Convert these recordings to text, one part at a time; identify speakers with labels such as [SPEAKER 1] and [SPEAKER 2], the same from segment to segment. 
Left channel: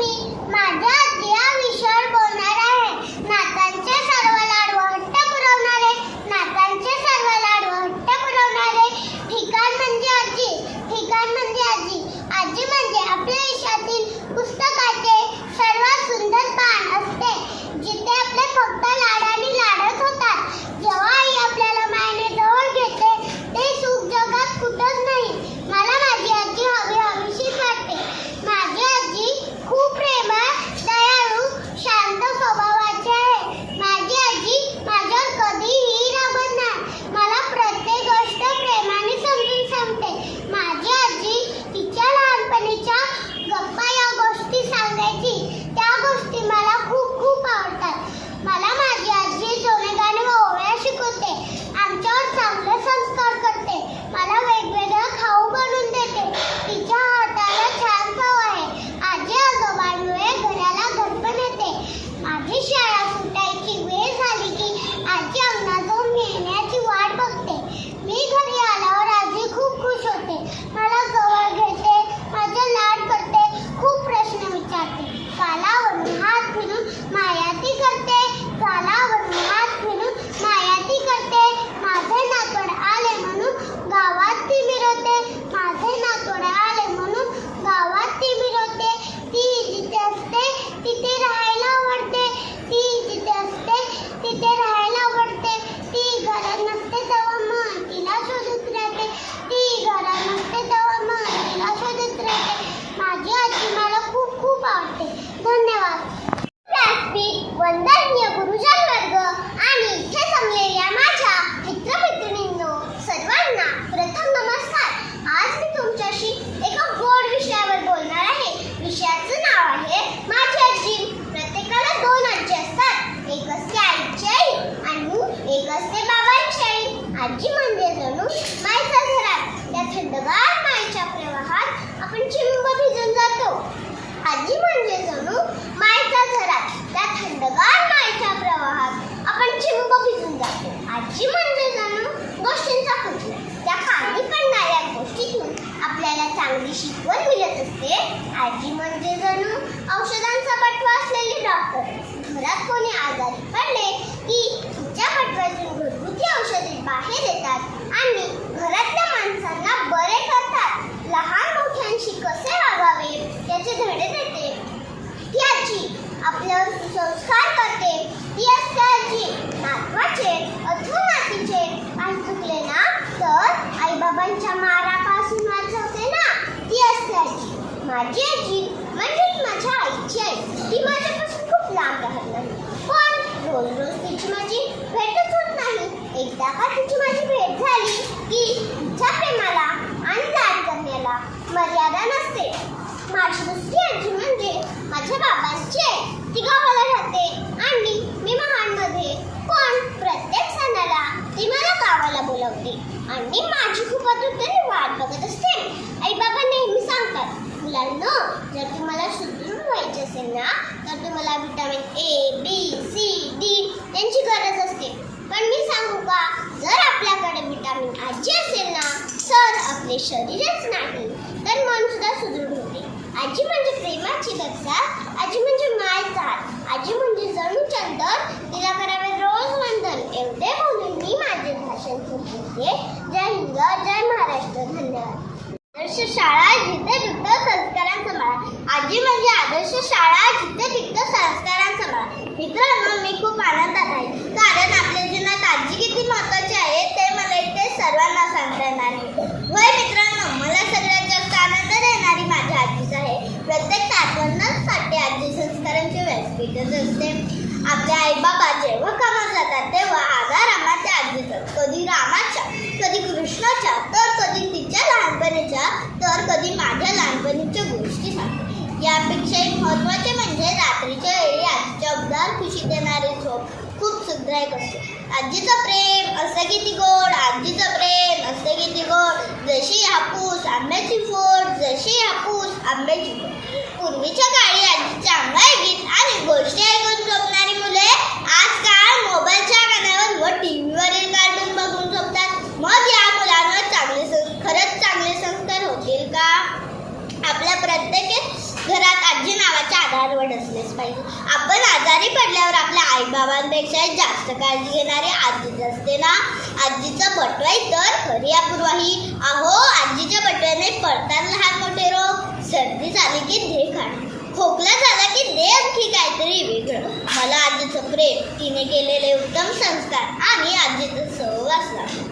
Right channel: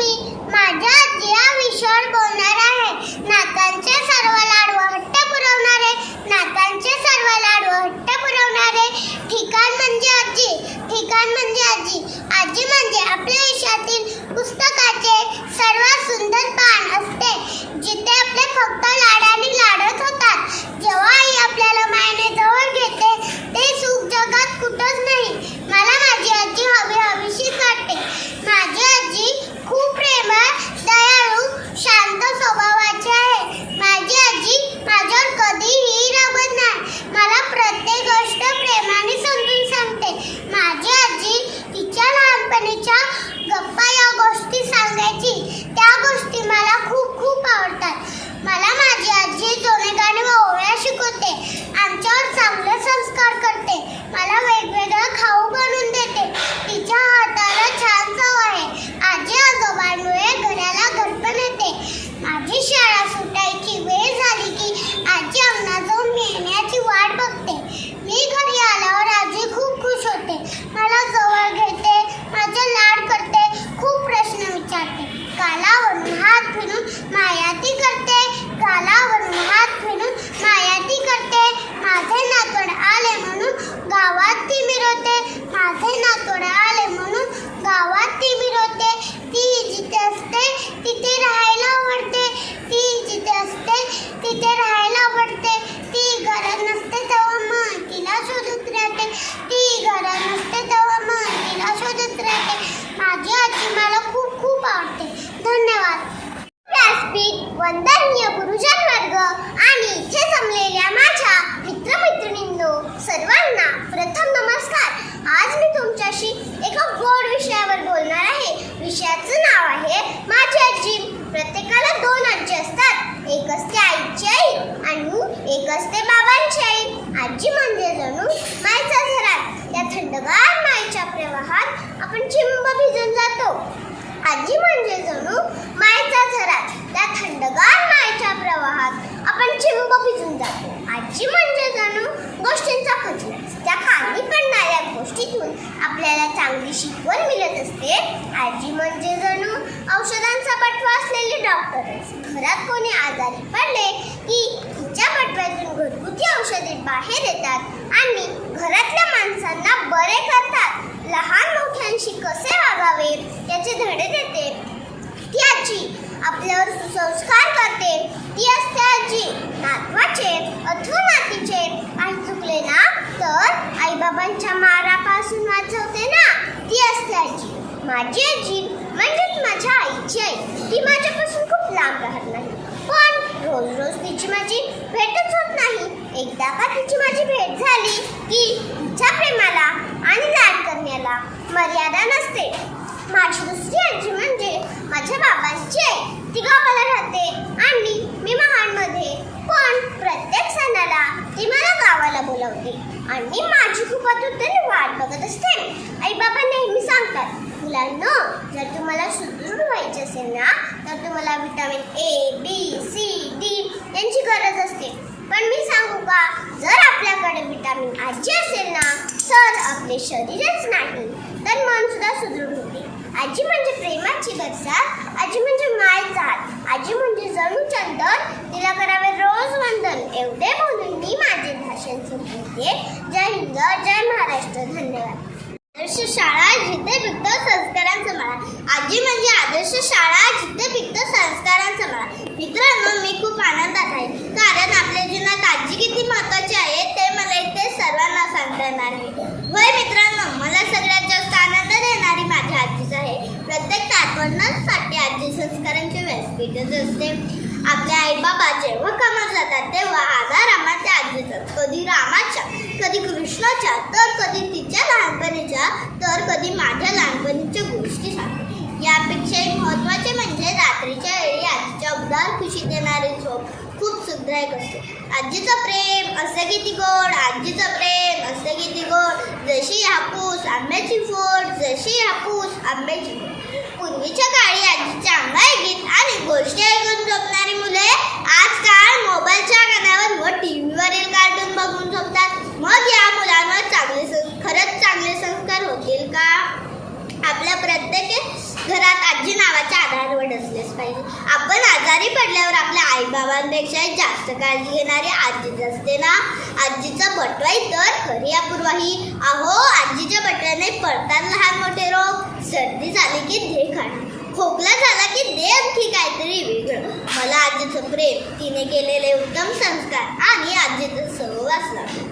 [SPEAKER 1] मी थंडगार मायेच्या प्रवाहात आपण चिंब भिजून जातो. आजी म्हणजे जणू गोष्टींचा खजिना त्या खाली पडणाऱ्या गोष्टीतून आपल्याला चांगली शिकवण मिळत असते. आजी म्हणजे जणू औषधांचा बटवा असलेले डॉक्टर घरात कोणी आजारी पडले की तिच्या बटव्यातून घरगुती औषधे बाहेर येतात आणि घरातल्या माणसांना बरे करतात लहान मोठ्यांशी कसे वागावे त्याचे धडे देते ती आजी आपल्यावर सुसंस्कार करते ती असते आजी नातवाचे अथवा नातीचे काही चुकले ना तर आईबाबांच्या मारापासून वाचवते ना ती असते आजी माझी आजी म्हणजेच माझ्या आईची आई ती माझ्यापासून खूप लांब राहत नाही. पण रोज रोज तिची माझी भेटच होत नाही. एकदा का तिची माझी भेट झाली की तिच्या प्रेमाला आणि लाड करण्याला मर्यादा नसते. माझी दुसरी आजी म्हणजे माझ्या बाबांची आई. ती गावाला राहते आणि मी महाडमध्ये पण प्रत्येक सणाला ती मला गावाला बोलवते आणि माझी खूप आतुरतेने वाट बघत असते. आई बाबा नेहमी सांगतात मुलांना जर तुम्हाला सुदृढ व्हायचे असेल ना तर तुम्हाला vitamin A B C D यांची गरज असते. पण मी सांगू का जर आपल्याकडे विटामिन आजी असेल ना तर आपले शरीरच नाही. तर मनसुद्धा सुदृढ होते. आजी म्हणजे प्रेमाची गरजा आजी म्हणजे मायचा आजी म्हणजे जणू चंदन तिला करावे रोज वंदन एवढे बोलून मी माझे भाषण संपवते जय हिंद जय महाराष्ट्र धन्यवाद आदर्श शाळा जिथे पिकत संस्कारांचा मळा आजी म्हणजे आदर्श शाळा जिथे पिकत संस्कारांचा मळा मित्रांनो मी खूप आनंदात आहे कारण आपल्या जीवनात आजी किती महत्वाची आहे ते मला इथे सर्वांना सांगता येणार आहे होय मित्रांनो मला सगळ्यात जास्त आनंद देणारी माझ्या आजीच आहे प्रत्येक नातवंडांसाठी आजी संस्कारांचे असते. आपले आई बाबा जेव्हा कामात जातात तेव्हा आधार रामाच्या त्या आजीचा कधी रामाच्या कधी कृष्णाच्या तर कधी तिच्या लहानपणीच्या तर कधी माझ्या लहानपणीच्या गोष्टी सांगते. यापेक्षा महत्त्वाचे म्हणजे रात्रीच्या वेळी आजीच्या उदार खुशी देणार खूप सुखदायक आजीचं प्रेम असं किती गोड आजीचं प्रेम असं किती गोड. जशी हापूस आंब्याची फोड जशी हापूस आंब्याची फोड. पूर्वीच्या काळी आजीचे अंगाई गीत आणि गोष्टी आवड असलीच पाहिजे. आपण आजारी पडल्यावर आपल्या आईबाबांपेक्षा जास्त काळजी घेणारी आजीच असते ना? आजीचं बटवाई तर खरी अपूर्वाही. अहो आजीच्या बटव्याने पडतात लहान मोठे रोग. सर्दी झाली की दे खाणं. खोकला झाला की दे आणखी काहीतरी वेगळं. मला आजीचं प्रेम तिने केलेले उत्तम संस्कार आणि आजीचं सहवास लागला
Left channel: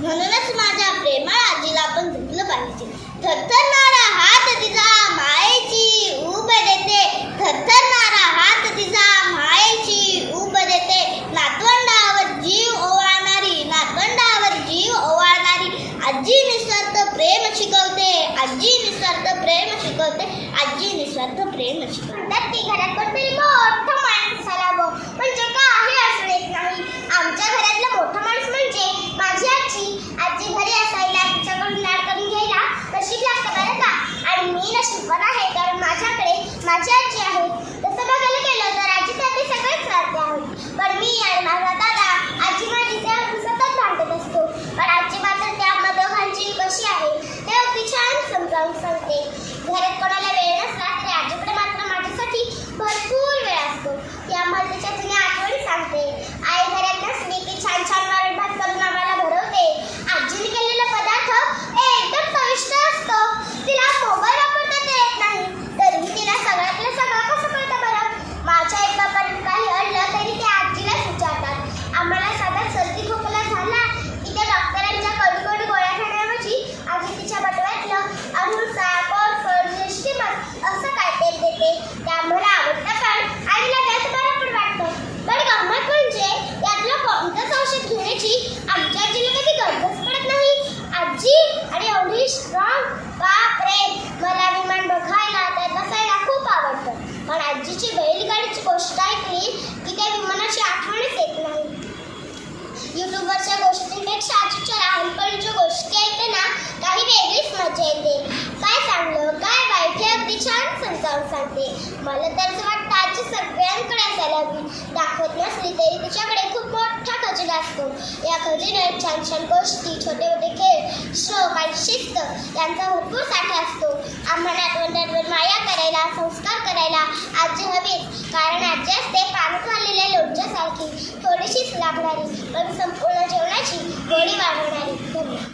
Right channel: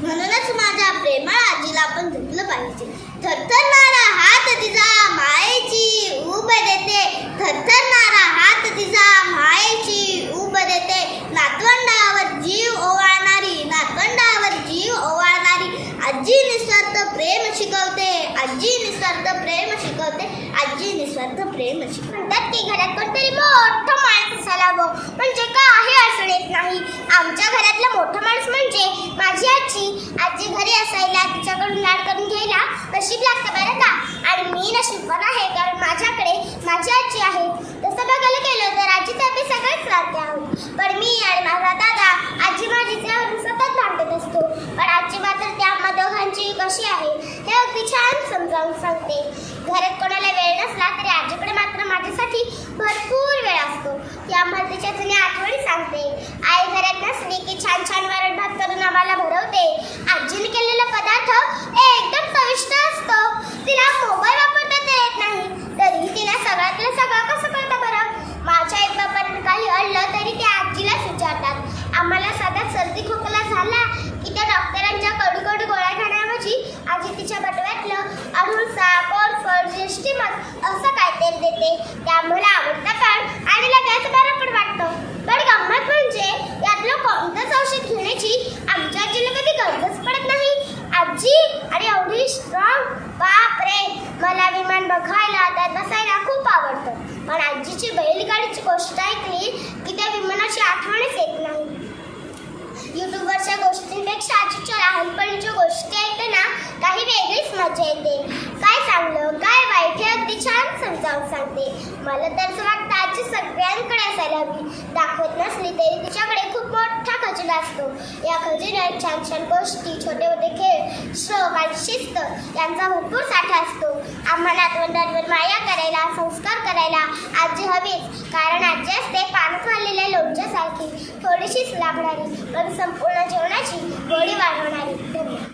[SPEAKER 1] म्हणूनच माझ्या प्रेमळ आजीला आपण जपलं पाहिजे. थरथरणारा हात तिचा मायेची उब देते थरथरणारा हात तिचा मायेची उब देते नातवंडावर जीव ओवाळणारी नातवंडावर जीव ओवाळणारी आजी निस्वार्थ प्रेम शिकवते आजी निस्वार्थ प्रेम शिकवते आजी निस्वार्थ प्रेम शिकवते ती घरात कोणतरी मोठं माणूस असावं हवं म्हणजे काही अडचण येत नाही. आमच्या घरातलं मोठा माणूस म्हणजे माझी आजी. आजी घरी असायला तिच्याकडून लाड करून घ्यायला नशीब लागतं बरं का? आणि मी नशीबवान आहे कारण माझ्याकडे माझी आजी आहे तसं बघायला गेलं तर आजीसाठी सगळेच नाते आहोत पण मी आणि माझा दादा आजी माझीच्या सतत भांडत असतो पण आजी मात्र त्यामध्ये दोघांची कशी आहे ते अगदी छान समजावून सांगते घरात कोणाला वेळ नसला तरी आजीकडे मात्र माझ्यासाठी भरपूर वेळ असतो ती आम्हाला तिच्या जुन्या आठवणी सांगते आई घरात नसली की छान छान वरण भात करून आम्हाला भरवते आजीने केलेला पदार्थ एकदम चविष्ट असतो तिला मोबाईल वापरता तर येत नाही तरी तिला सगळ्यातलं सगळं कसं कळतं बरं माझ्या एक बापानं काही अडलं तरी ते आजीलाच विचारतात आम्हाला साधा सर्दी खोकला झाला की त्या डॉक्टरांच्या कडू कडू गोळ्या खाण्याऐवजी आजी तिच्या बटव्यातलं अरुणसा कोरफड लिस्टीमत असं काहीतरी देते ते आम्हाला आवडतं पण आणि लगेच बरं पण वाटतं पण गंमत म्हणजे यातलं कोणतंच औषध घेण्याची आमच्या आजीला कधी गरजच पडत नाही आजी आणि एवढी स्ट्रॉंग बाप रे मला विमान बघायला त्यात बसायला खूप आवडतं पण आजीची बैलगाडीची गोष्ट ऐकली की त्या विमानाची आठवणच येत नाही युट्यूबवरच्या शाजूच्या लहानपणीच्या गोष्टी ऐकताना काही वेगळीच मजा येते. काय चांगलं काय वाईट हे अगदी छान समजावून सांगते. मला तर असं वाटतं आजी सगळ्यांकडे असायला हवी. दाखवत नसली तरी तिच्याकडे खूप मोठा खजिना असतो. या खजिन्यात छान छान गोष्टी छोटे मोठे खेळ श्लोक आणि शिस्त यांचा भरपूर साठा असतो. आम्हाला आठवड्यांवर माया करायला संस्कार करायला आजी हवीच कारण आजी असते पाण्यात घाललेल्या लोणच्यासारखी. थोडीशीच लागणारी पण संपूर्ण जेवणाची गोडी वाढवणारी. धन्यवाद.